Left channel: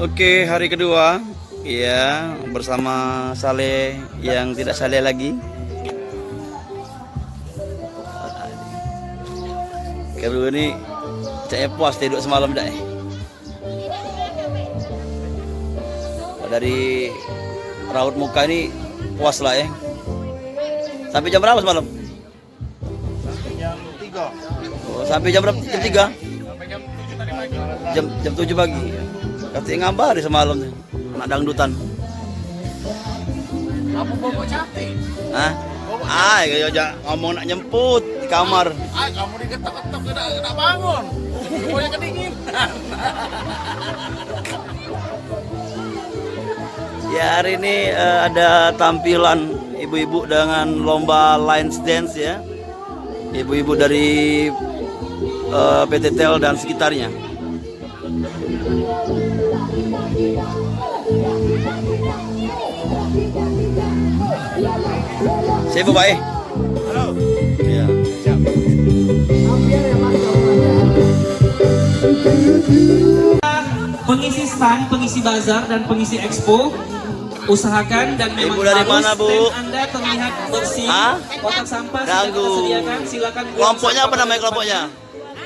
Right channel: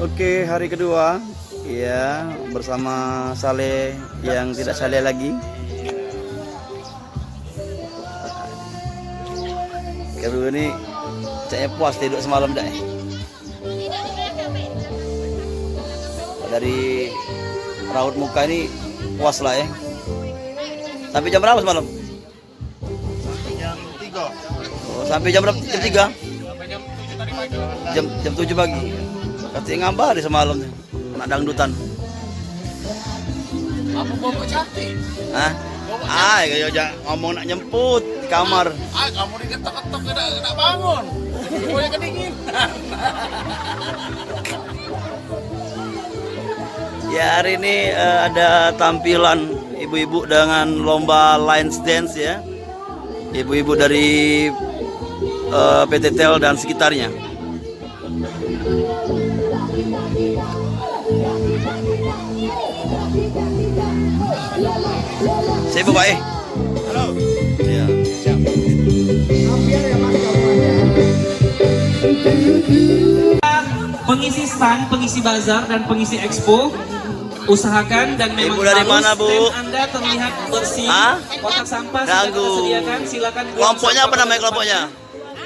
Oke, hari kedua ya bersama Saleh yang tidak Saleh lagi. Kedua ini caknya puas tidur semalam dah. Dari raut muka ini puas lah ya. Sampai jam berapa semalam? Jam 3. Oh, sampai jam berapa? Jam 3? Sampai jam 7 tadi pagi. Jam 7 pagi. Katanya ngambari semalam nih. Anak dangdutan. Apa bawa cantik? Hah? Kayak aja ngomong nak nyemput di kamar. Kamu diketok-ketok kena bangun. Pokoknya kedinginan. Ya, hari ini ada tampilan ibu-ibu dengan lomba line dance ya. Ibu-ibu dari PT Tel dan sekitarnya. Saya Bapak Halo. Ya. Siap. Pengisi stand, pengisi bazar dan pengisi expo, usahakan dan Ibu dari mana, Bu? Anda terlihat bersih. Hah? Kotak sampah Ganggu. disediakan, silakan. Kelompoknya apa namanya kelompoknya?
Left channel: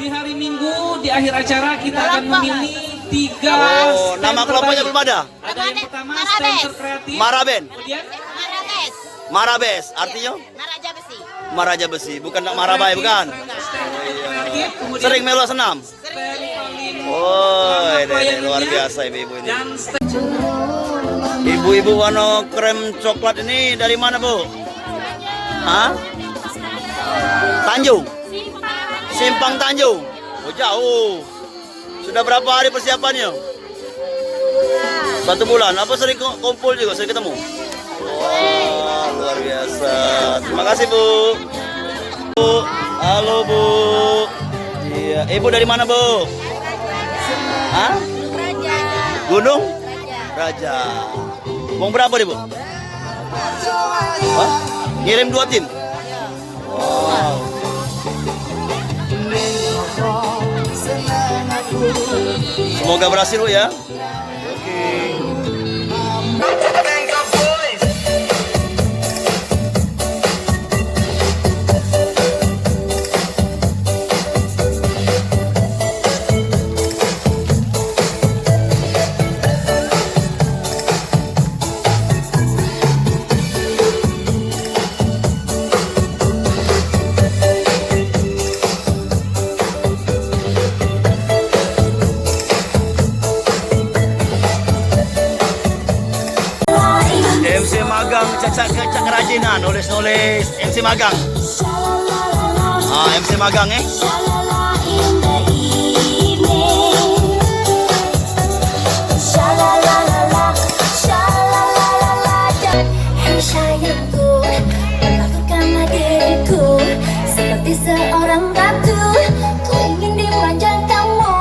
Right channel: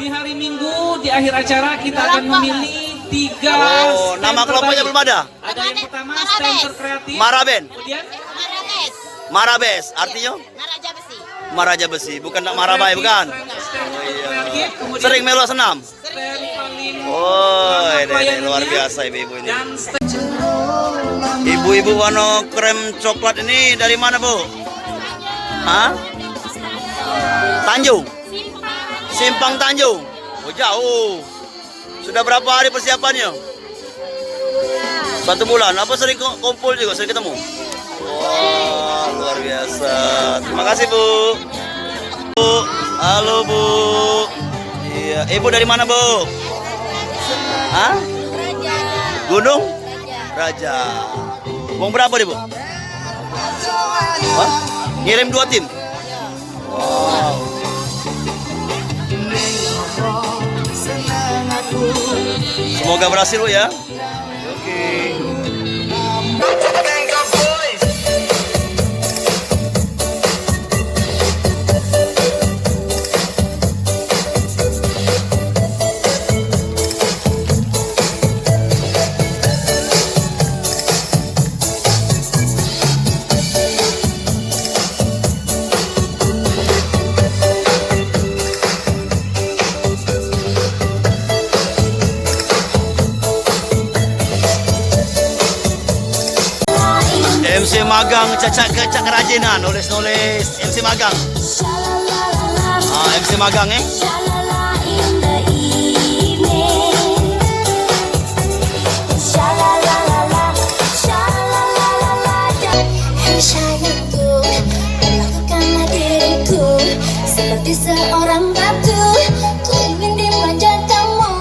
Di hari Minggu di akhir acara kita akan memilih 3. Oh, nama kelompoknya belum ada? Ada yang pertama stand kreatif. Maraben. Kemudian Marabes, Marabes, artinya Maraja Besi. Maraja Besi, bukan nak Marabai bukan? Oh iya. Sering melo senam. Oh, ini luar biasa ibu-ibu ini. Ibu-ibu warna krem coklat ini dari mana, Bu? Hah? Tanjung. Simpang Tanjung. Oh, jauh. Sudah berapa hari persiapannya? 1 bulan. Apa sering kumpul juga, sering ketemu? Wah, luar biasa. Terima kasih, Bu. Bu, halo, Bu. Iya, Ibu dari mana, Bu? Hah? Gunung Raja. Uang berapa nih, Bu? Hah? Ngirim 2 tim. Wow. Semoga berhasil, Bu ya. Oke. MC magang cacak kerajinan, nulis MC magang. MC magang Sayangku, perlakukanlah diriku seperti seorang batu. Ku ingin dimanja kamu.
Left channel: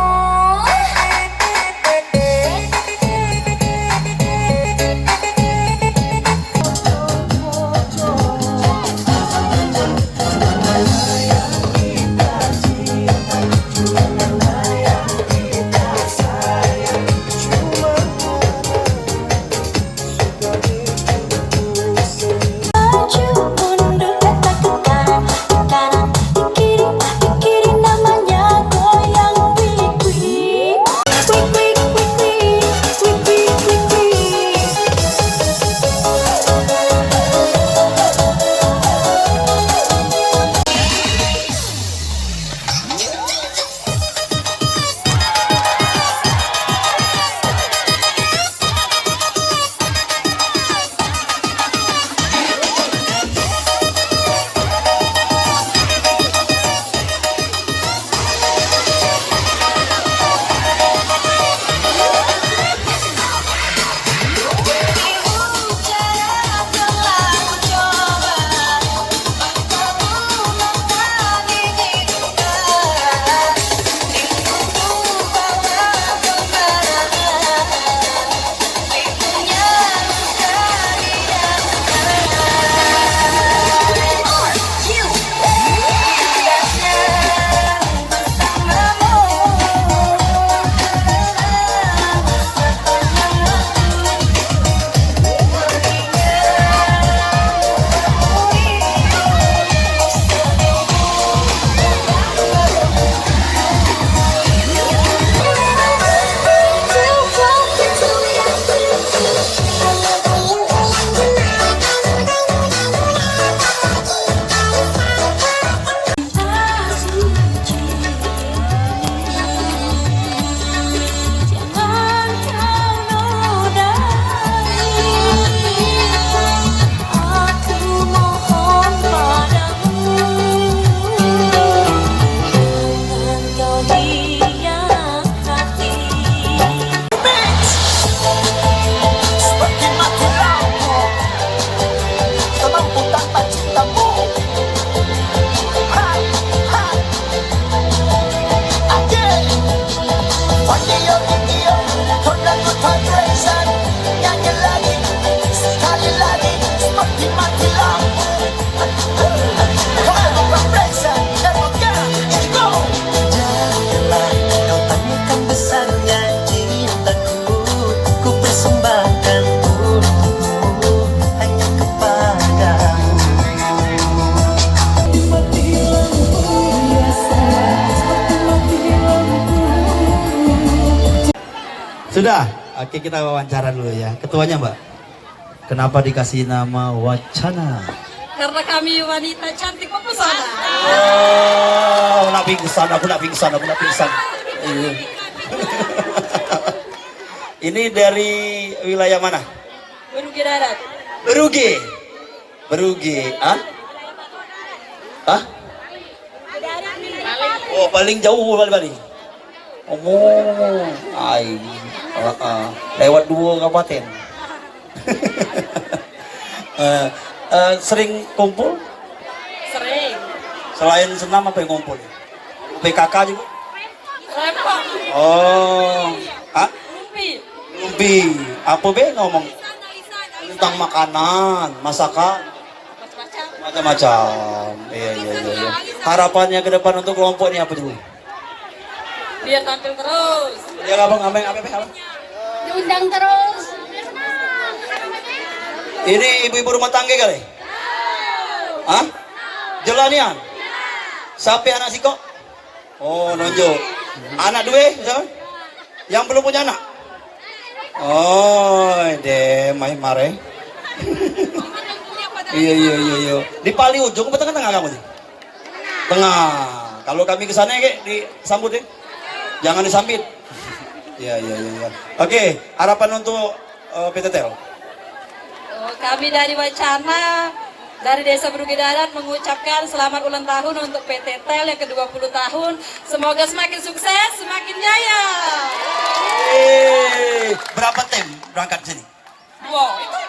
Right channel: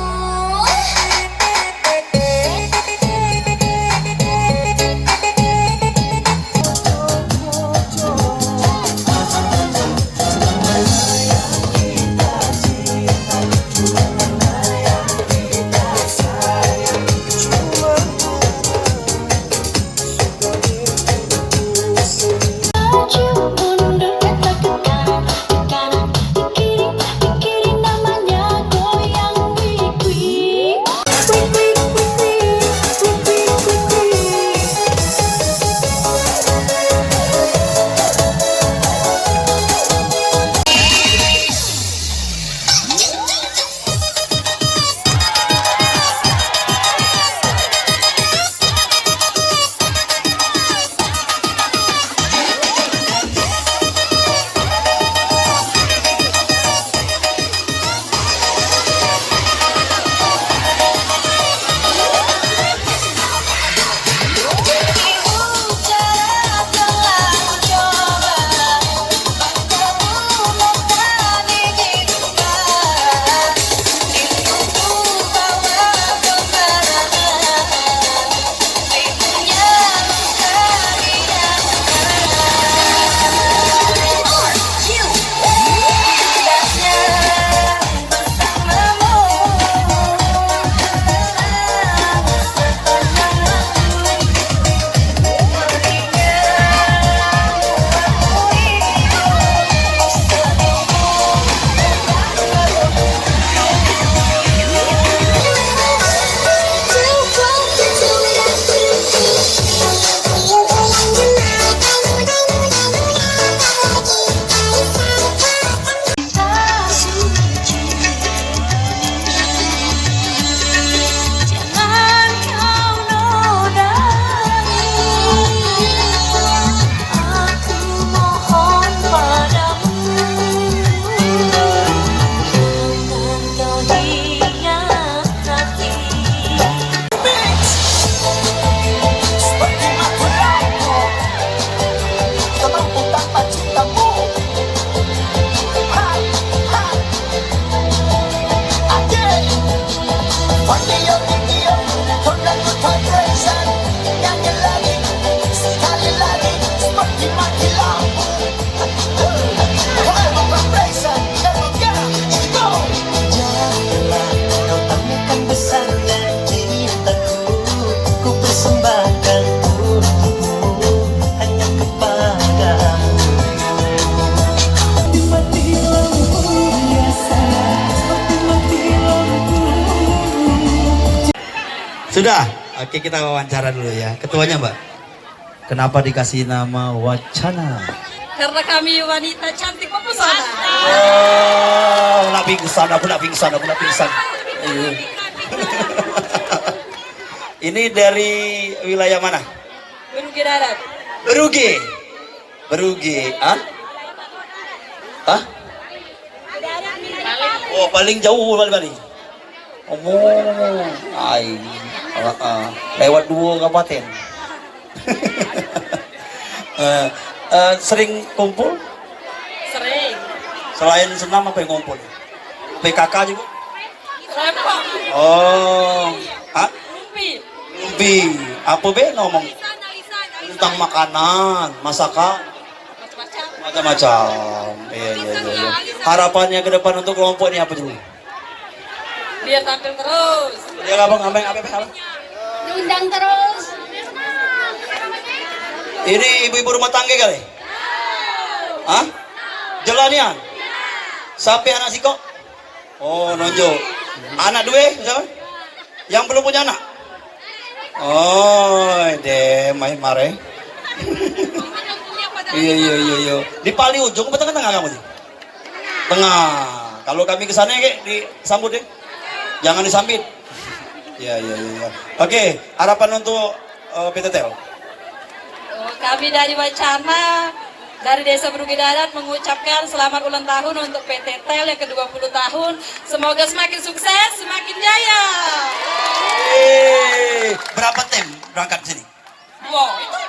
Sudah? Oke, kita wawancara dulu ya. Ketuanya, Mbak. Kenapa dikasih nama Wacana? Karena kami wanita cantik mempesona. Oh, nak pingsan. Iya. Ini dari wilayah mana? Berugi darat. Berugi. Ah? Oh, paling jauh paling. Oh, lewat 2 kabupaten. Sering kumpul? Sering. Selain senam apa yang kumpul? PKK juga? Rempong. Oh, Lumpi. apa be ngomong tentang makanan, masakan, macam-macam. Iya. Harapannya ke depan untuk kelompok ini apa dulu? Biar tampil terus. Ya abang. Diundang terus. Ini ibu-ibu rumah tangga kali? Hah? Jelanian? Siapa anak siko? Oh, nonjok. Anak dua, siapa? Yang belum punya anak? Oh, main mare. Iya. Di paling ujung apa tengah-tengah kamu nih? Tengah. Kalau kami ke sana disambut ya. Jangan disambit. Iya. Oke, harapan untuk PTTL. Kami dari Wacana, dari Desa Berugi Darat mengucapkan selamat ulang tahun untuk PT TEL yang ke-20 tahun. Semoga semakin sukses, semakin jaya. Berapa tim berangkat sini? Wow, itu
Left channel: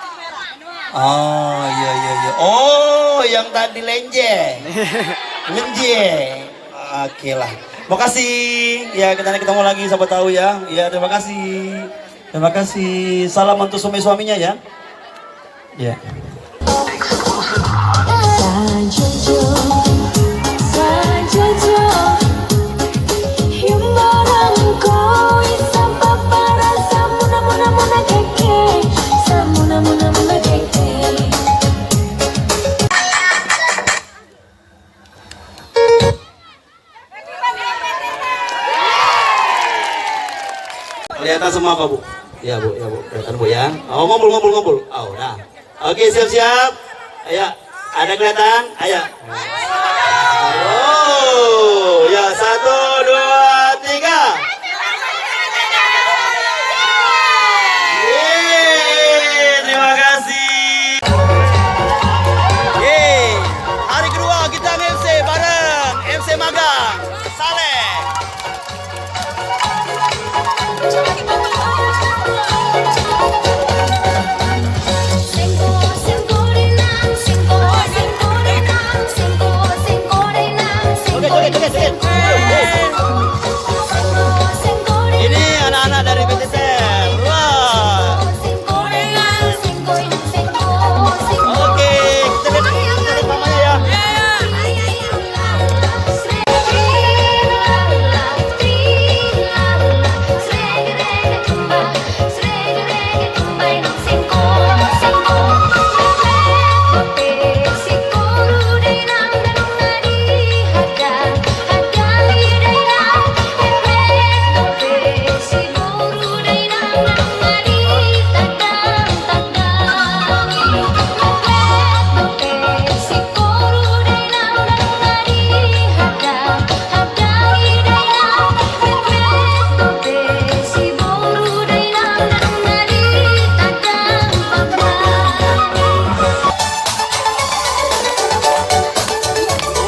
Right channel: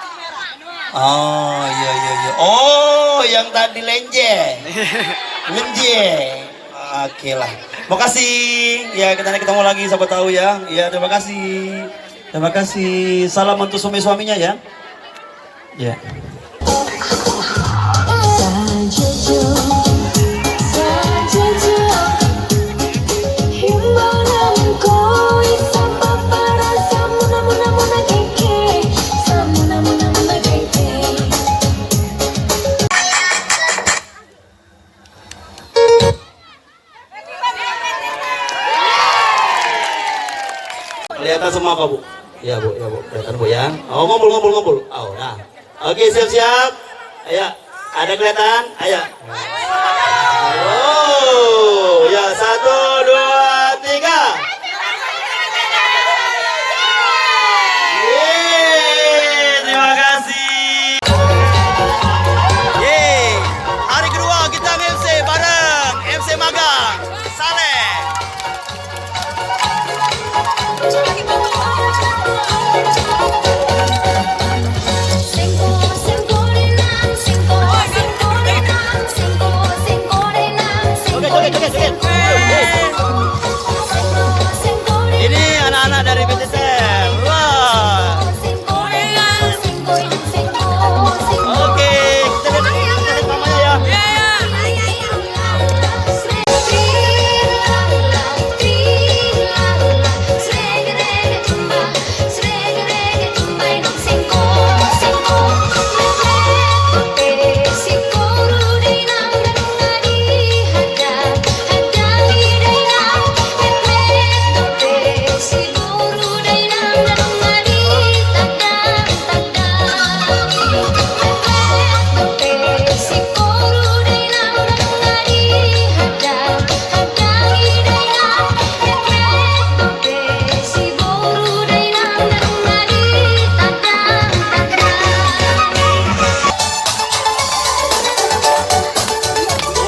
Oh, iya. Oh, yang tadi lenje. Oke lah. Makasih. Ya, kita ketemu lagi siapa tahu ya. Ya, terima kasih. Salam untuk suami-suaminya ya. Ya. Kelihatan semua apa Bu? Ya Bu. Kelihatan Bu ya. Oh, ngumpul. Oh, nah. Oke, siap. Ayo. Ada kelihatan? Ayo. Oh, ya 1, 2, 3. Terima kasih. Hari kedua kita MC bareng MC Magang Saleh. Joget. Ini anak-anak dari PTTL. Wah. Oke, kita lihat mamanya ya.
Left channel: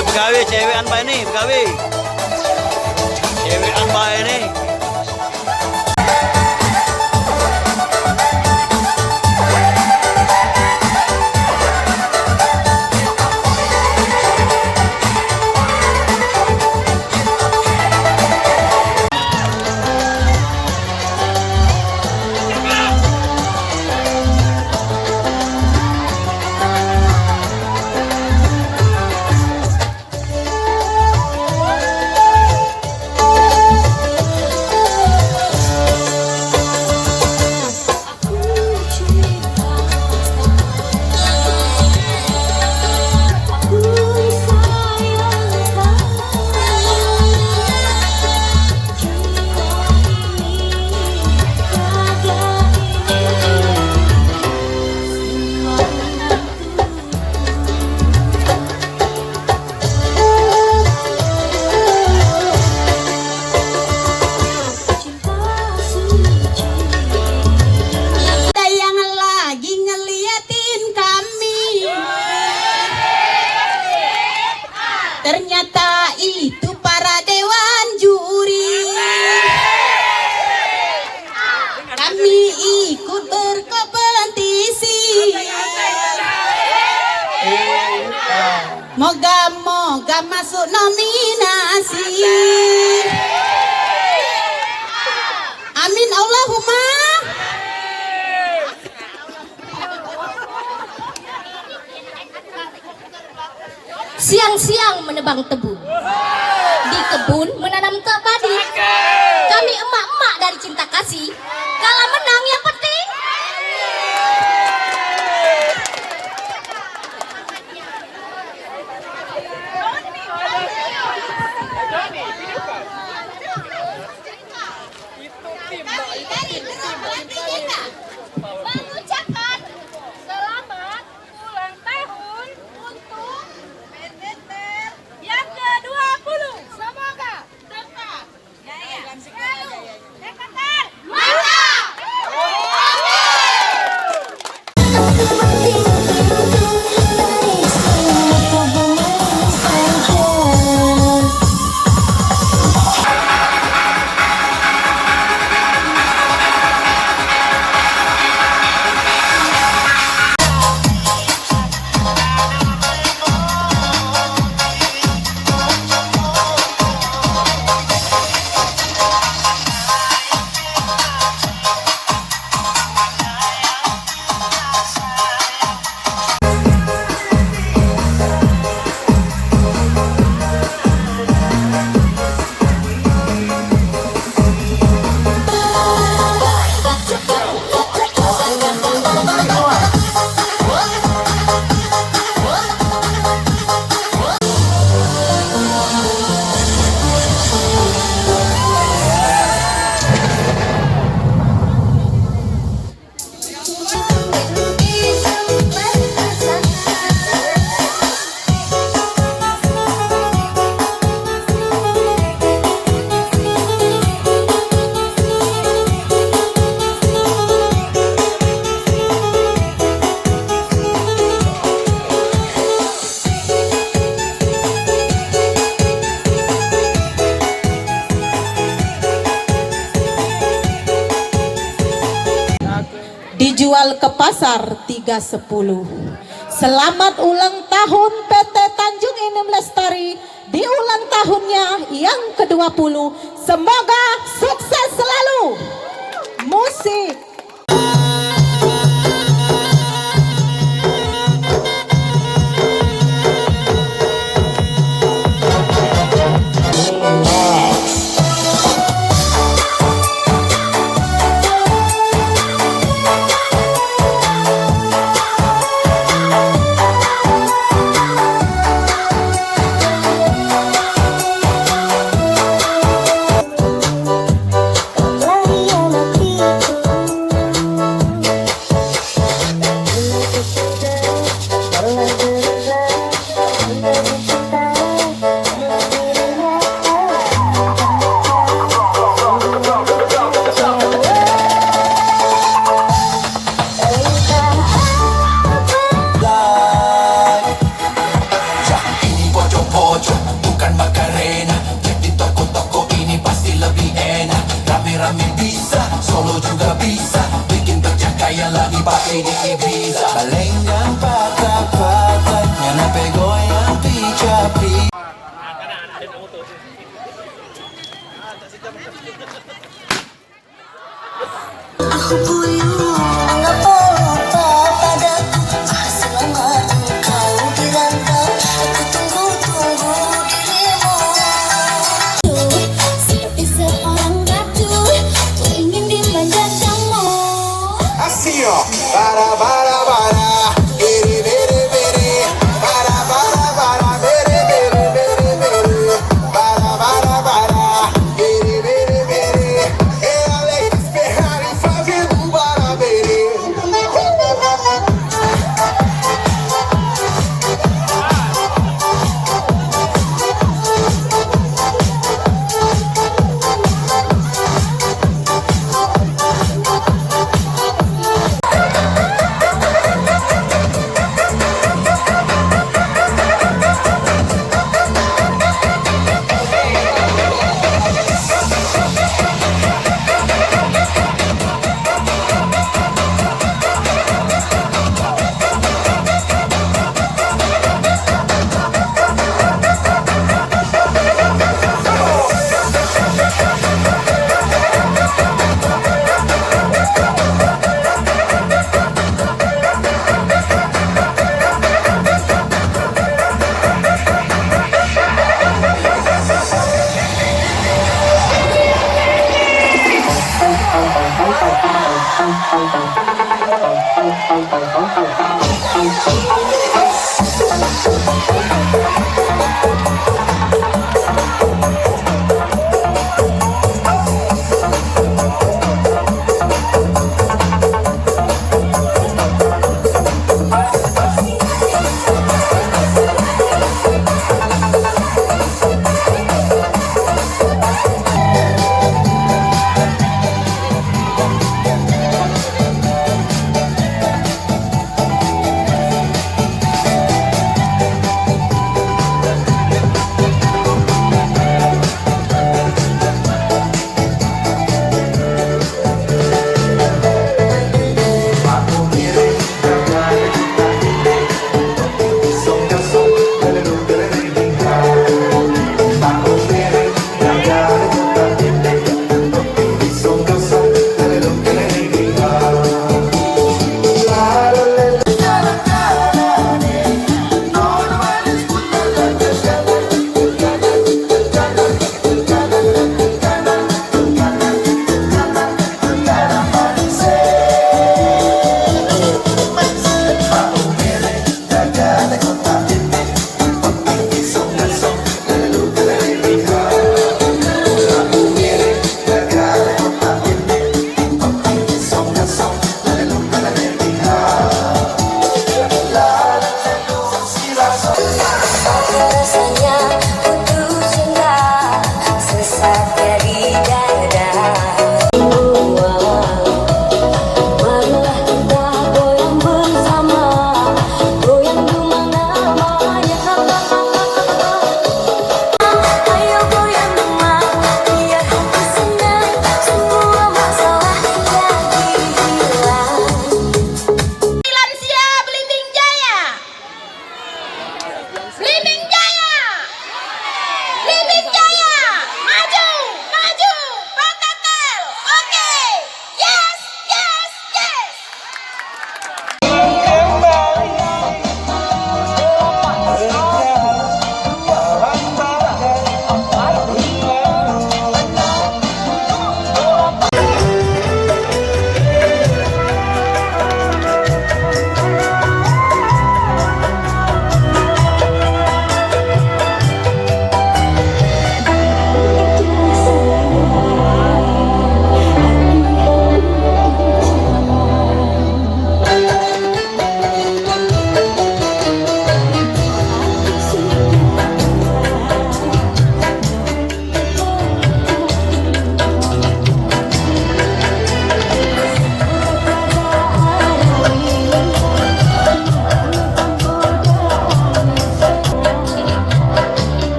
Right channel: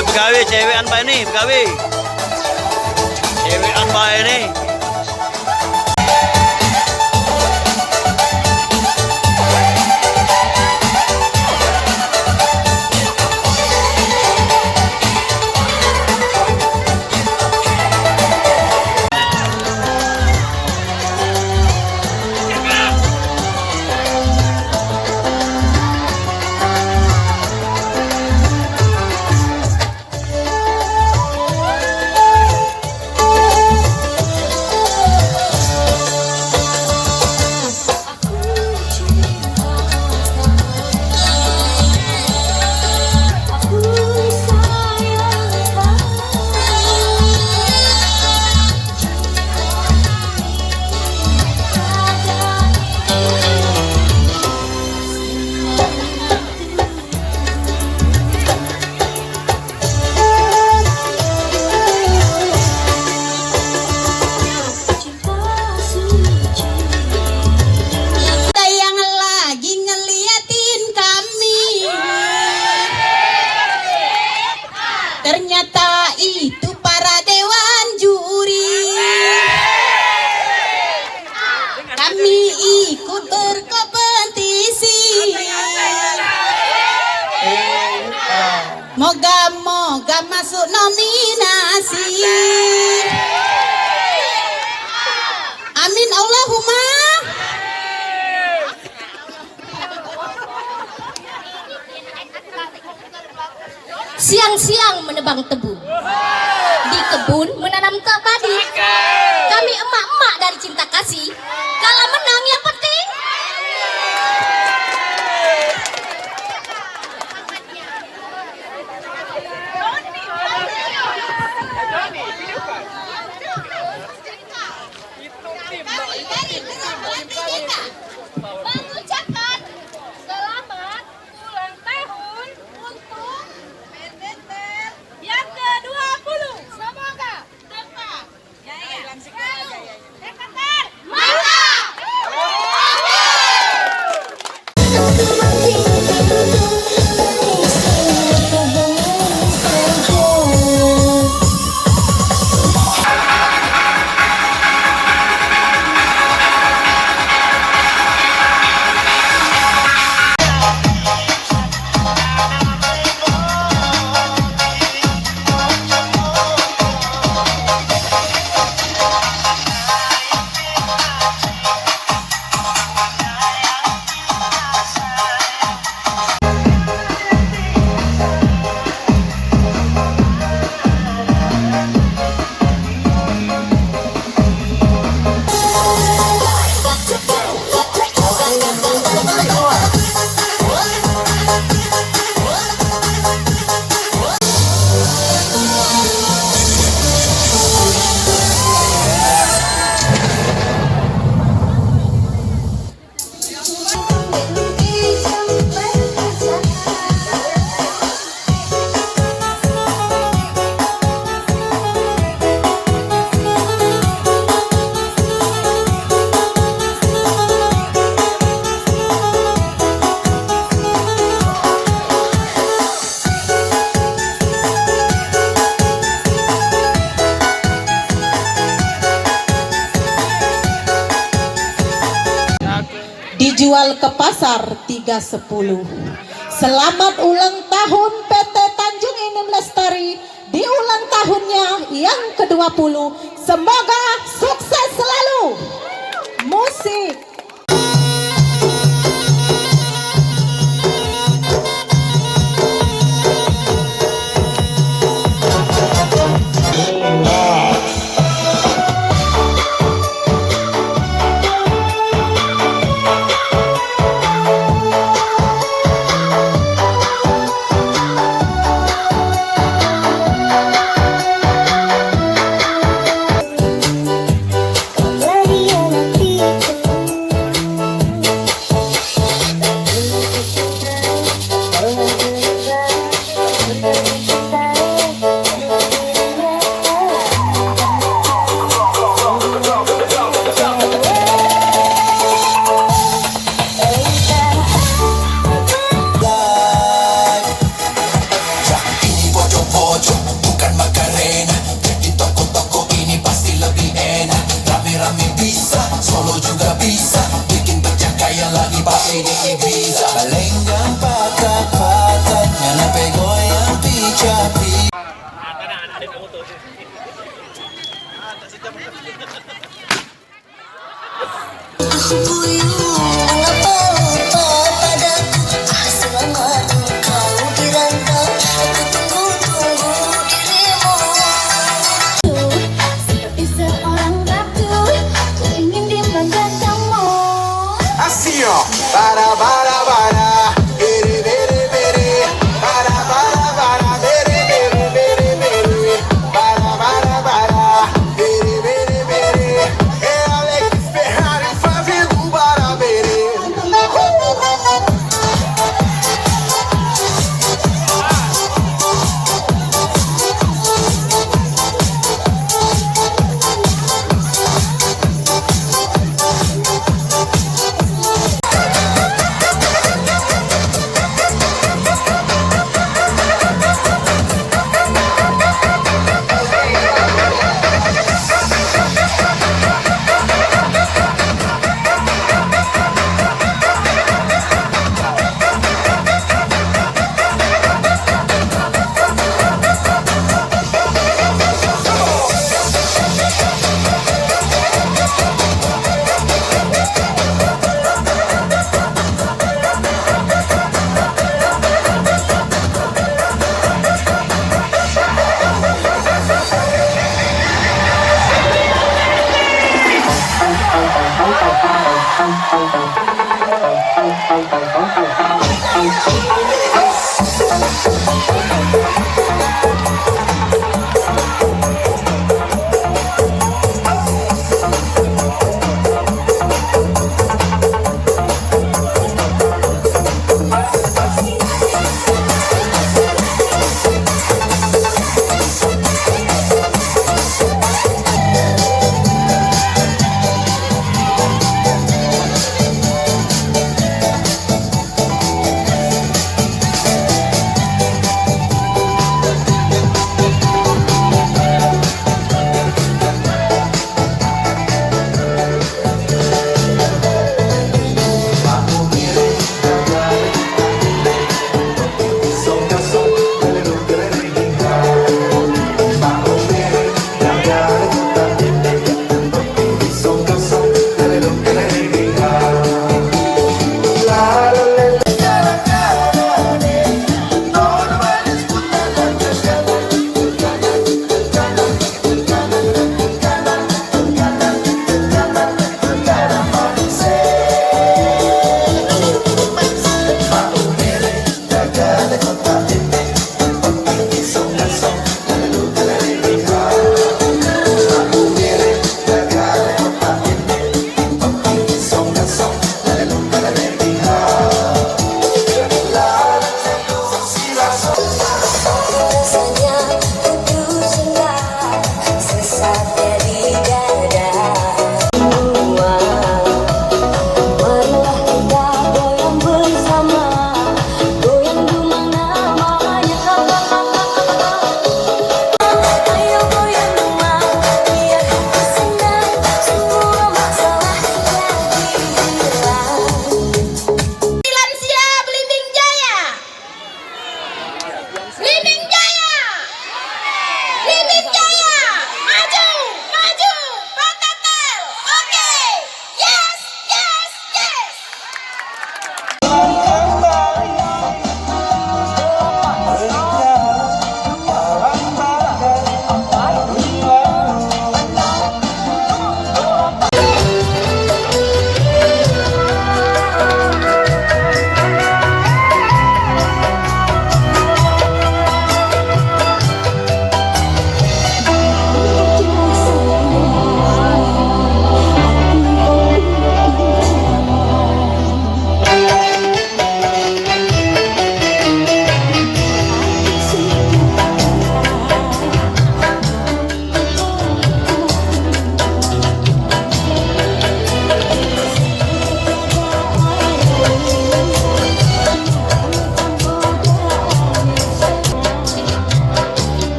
Begawe cewekan Pak ini, begawe. Cewekan Pak ini. Moga-moga masuk nominasi. Amin Allahumma. Siang-siang menebang tebu, di kebun menanam padi. Kami emak-emak dari cinta kasih, kalau menang yang penting. Mengucapkan selamat ulang tahun untuk PTT yang ke-20. Semoga tetap jaya. PTT dijual ke pasar 310. Selamat ulang tahun PT Tanjung Inem Lestari di ulang tahunnya yang ke-20. Semoga sukses selalu. Musik. Ferrari fazendo barabere.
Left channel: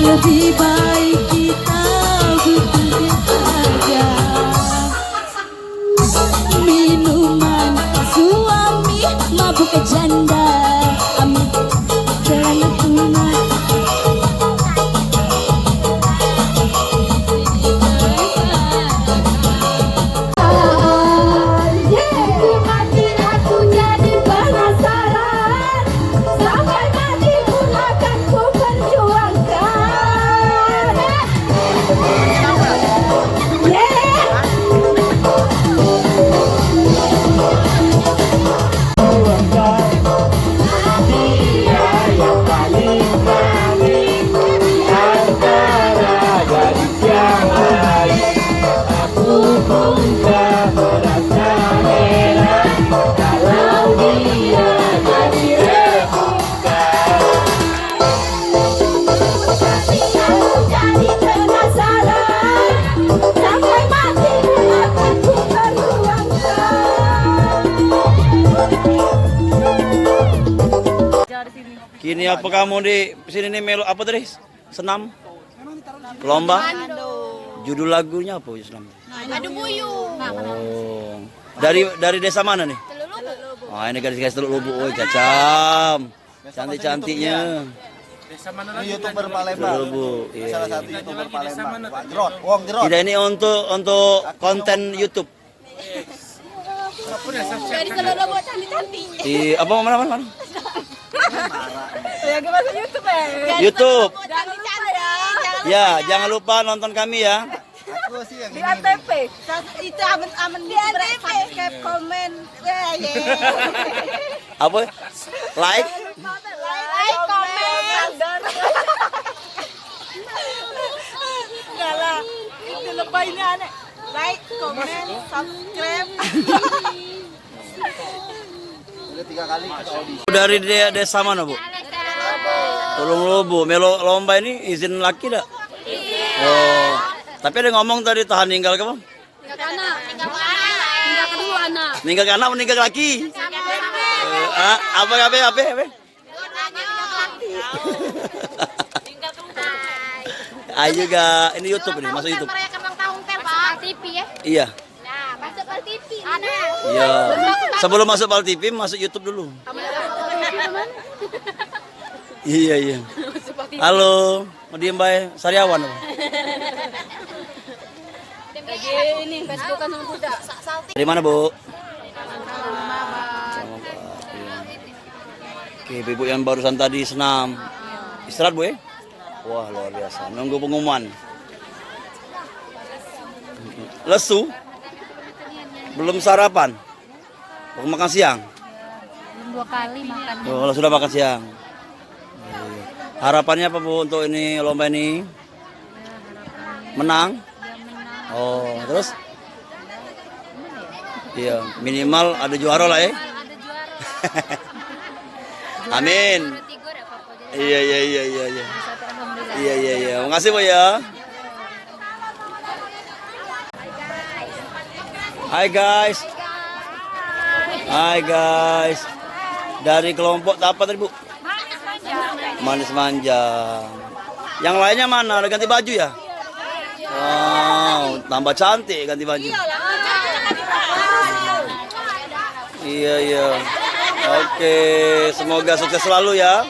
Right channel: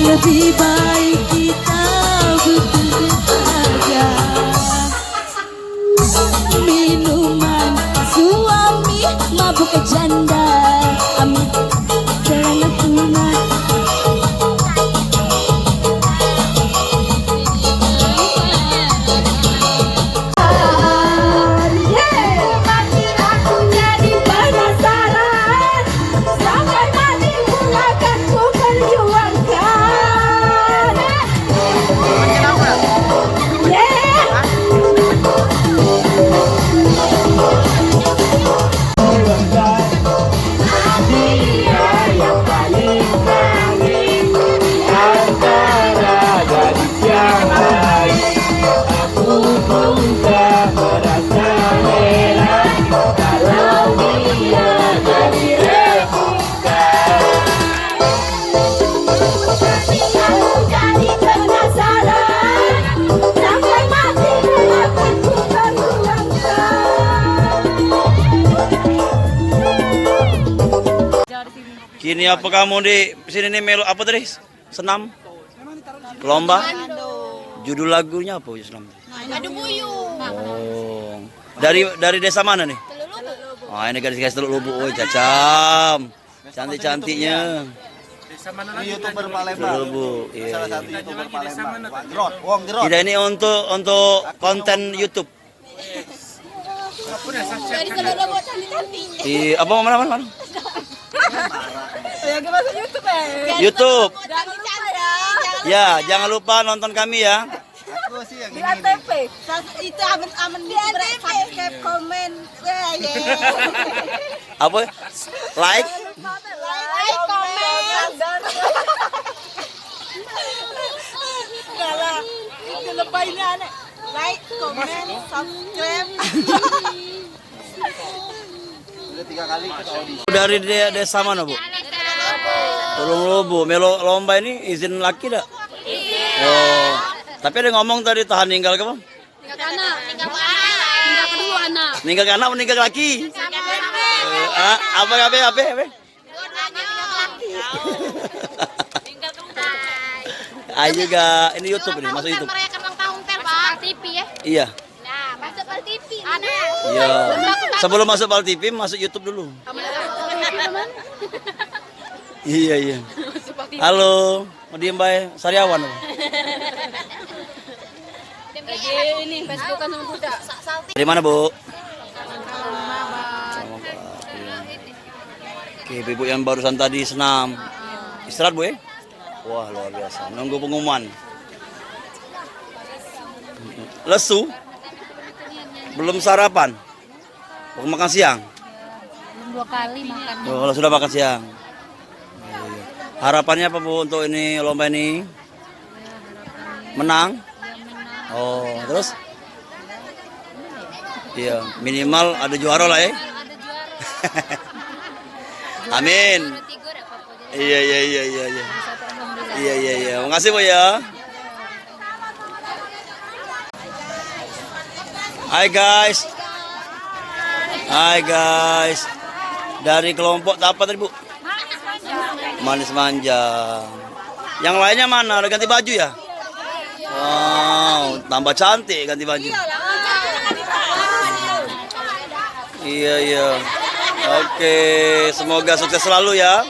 Lebih baik kita bukan saja minuman suami mabuk janda amit celana tuna. Makin aku jadi penasaran sampai nanti akan ku perjuangkan. Kini apa kamu di sini nih melo apa tadi? Senam? Lomba? Judul lagunya apa senam? Adu buyung. Oh. Dari desa mana nih? Oh, ini gadis-gadis Teluk Lubuk. Woi, Cacam. Cantik-cantiknya. YouTuber Palembang. Teluk Lubuk. Iya, iya. YouTuber Palembang. Drop. Tidak, ini untuk konten YouTube. Jadi kalau buat cantik-cantik. Iya, apa mana? YouTube. Jangan channel ya. Ya, jangan lupa nonton kami ya. Di ATP. Itu aman-aman di subscribe, komen. Ya, ya. Apa? Like? Like, komen. Enggak lah. Itu lebaynya aneh. Like, komen, subscribe. Dari desa mana, Bu? Tulung Lobo. Melo lomba ini izin laki dak? Oh. Tapi ada ngomong tadi tahan ninggal ke, Bang? Ninggal ke anak, meninggal ke laki. Apa? Ayo juga, ini YouTube ini, masuk YouTube. TV ya. Iya. Nah, masuk Pal TV. Ada. Iya. Sebelum masuk Pal TV, masuk YouTube dulu. Iya. Halo, mau diem bae, Sariawan. Lagi ini Facebookan sama kuda. Dari mana, Bu? Sama Pak. Iya. Oke, Ibu yang barusan tadi senam. Istirahat, Bu ya? Wah, luar biasa. Nunggu pengumuman. Lesu? Belum sarapan? Mau makan siang? Belum 2 kali makan. Oh, kalau sudah makan siang. Iya. Harapannya apa, Bu, untuk ini lomba ini? Menang? Oh, terus? Iya, minimal ada juara lah ya. Amin. Iya. Makasih, Bu ya. Hai guys. Dari kelompok apa tadi, Bu? Manis manjang. Yang lainnya mana? Ada ganti baju ya? Wow, tambah cantik ganti baju. Iya. Oke, semoga sukses selalu ya.